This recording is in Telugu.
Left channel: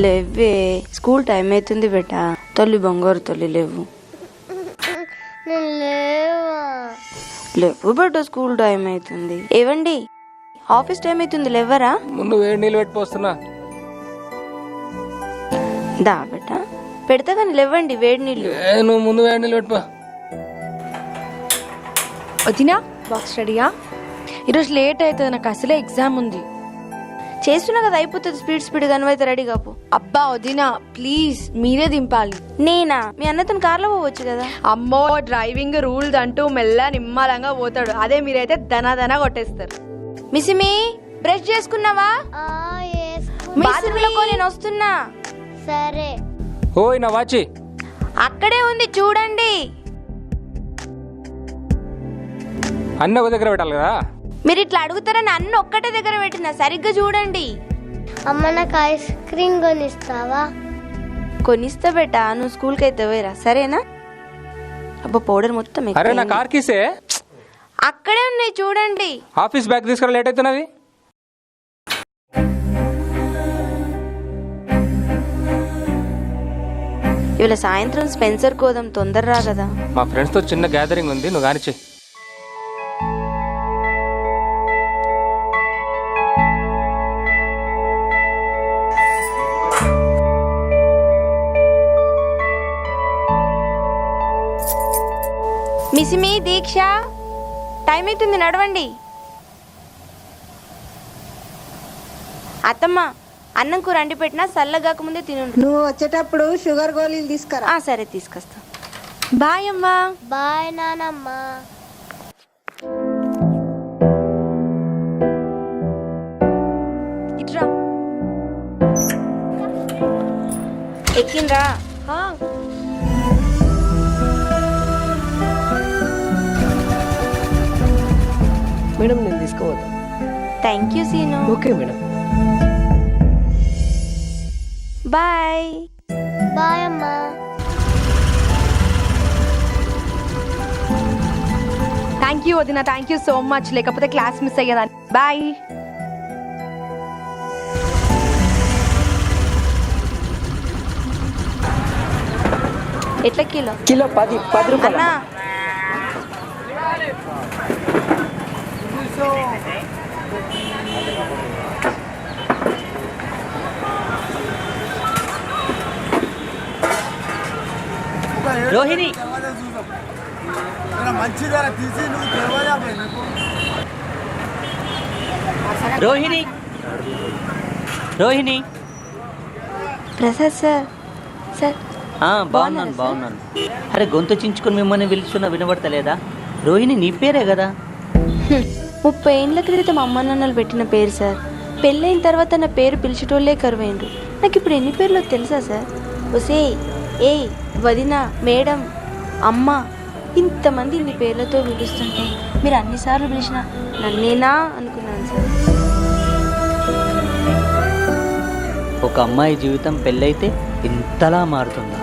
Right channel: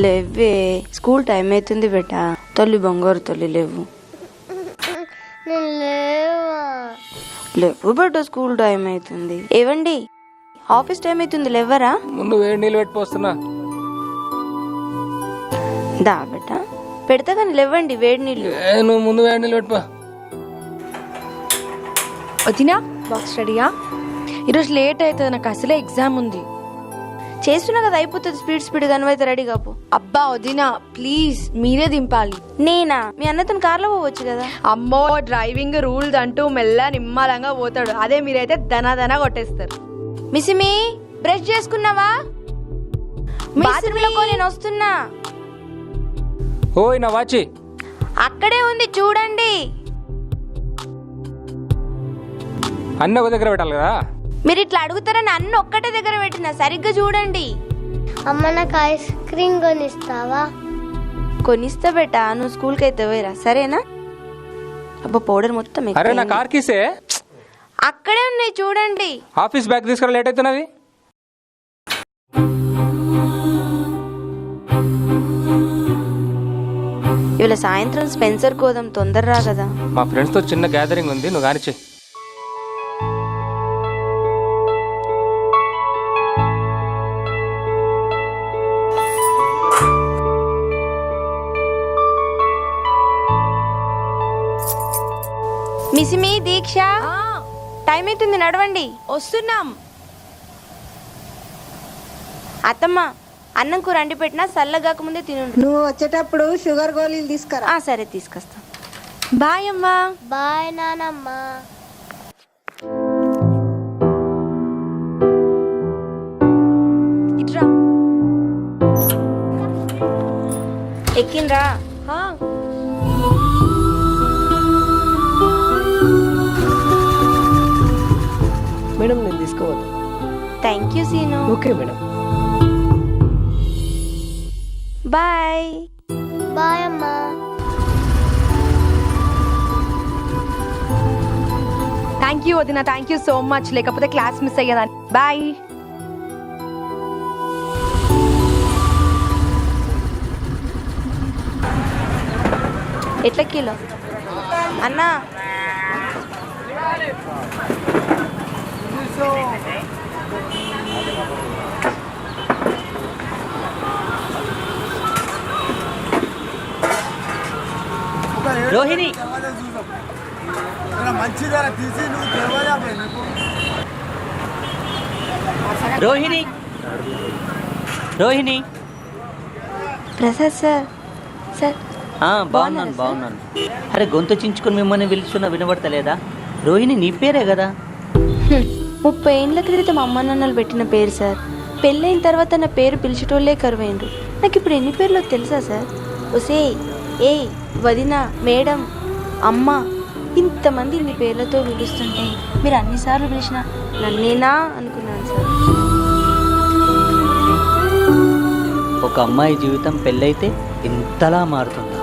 లేవే, స్కూల్ టైం అవుతుంది బెట. తల్లి బంగారు తల్లి లేవు. లేవు బెట, స్కూల్ టైం అవుతుంది. ఏవండి, ఆఫీస్ టైం అవుతుంది, లేవరా? ముందు వేడి నీళ్ళు పెట్టిపోస్తున్నా. దా బెట, పెడతా కానీ లేవండి వేడి నీళ్ళు. నువ్వు ముందు వేడి నీళ్ళు పెట్టిపో. వదినా, బాక్స్ రెడీయా? ఈరోజు లేట్ అవుతుంది, నాకు అసలే ఎగ్జామ్ ఉంది. చేస్తున్నా కదా, అయిపోతుంది. స్పీడ్ కనువైతే రెడీ కాపు. అబ్బా వదినా ప్లీజ్, మీరే దింపాలి. నేనా? మీ అన్నతో కార్లో పోవచ్చు కదా. అమ్మో, డ్రైవింగ్ రూల్స్ అంటూ మెల్ల నిమ్మలంగా పోతాడు. అదే మీరైతే దనా కొట్టేస్తారు. మిసిమి, బ్రష్ చేసుకున్నావా? బాత్రూంలో నేను వస్తున్నా. సరే. ఓయ్ నా వాచి అక్కడే ఉంది, చూడండి. అన్న ఒక దగ్గర పెట్టాలి కదా. మీరు ఇట్లా అడుగుతారని అన్న ఒక్కటే దగ్గర పెట్టినా, సరిగ్గా చూడండి. అమ్మ నాకు ఐస్ క్రీమ్ కొనిస్తావా? కొనిస్తా బెట, నువ్వు స్కూల్కి అయితే పోయిరా, సరేనా? అబ్బా, పౌడర్ మొత్తం అరే నా కార్ కీసే అక్కడే ఉన్నాయి, చూడండి. ఆఫీస్ బ్యాగ్ తీసుకురా, లేట్ అవుతున్నది. ఇవాళ సాయంత్రం స్పెన్సర్ కోదాం, తొందర రా కదా. మా ఫ్రెండ్స్ తో చిన్న గ్యాదరింగ్ ఉంది, నువ్వు కానిచ్చే. మిసిమి, దీక్ష, టైం అవుతుంది, నడవండి. వస్తున్నాం. అత్తమ్మ, అన్నం కూర అండి పెట్టినా చల్లగాక ముందే తిను. నువ్వు వచ్చేటప్పుడు షుగర్ గోళీలు తీసుకురా. సరే, తీసుకొస్తా. బాయ్ అమ్మా. బాయ్ నానమ్మ. ఇట్రా. ఎక్కిండ్రా. మేడం నేను తీసుకోవద్దా? Thank you Seenu. Okay madam. Bye. Bye అమ్మా. థ్యాంక్ యూ వదినా, థ్యాంక్ యూ సో మచ్. లేకపోతే క్లాస్ మిస్ అయ్యేదాన్ని. బాయ్. ఎట్లా కిలో? కిలో 10 అన్నా, రోహిణి, రోహిణి, రోహిణి. ప్రసాద్ సార్. సార్ బాగున్నాను. అరే గొంతు చించుకొని మిమ్మల్ని పిలుచున్నా వినబడతలేదా? రోహిణి నీ పేరే కదా. 30 ఏళ్ళ క్రితం అమ్మ నాన్నలు పెట్టిన పేరు సార్. పెళ్ళైన తర్వాత నా పేరు పిలిచేటోళ్ళే కరువైండ్రు. నాకు ఇప్పుడు ఎన్ని పేర్లో తెలుసా సార్? ఒసే, ఏ, వదిన, మేడం, అమ్మ, ఇంతమంది ఇన్ని పేర్లతో పిలుస్తుంటే మీరు అన్నిసార్లు పిలిచిన నన్నేనా అనుకున్నాను సార్. ఒక అమ్మాయి జీవితం పెళ్ళైతే ఇంతలా మారుతుందా?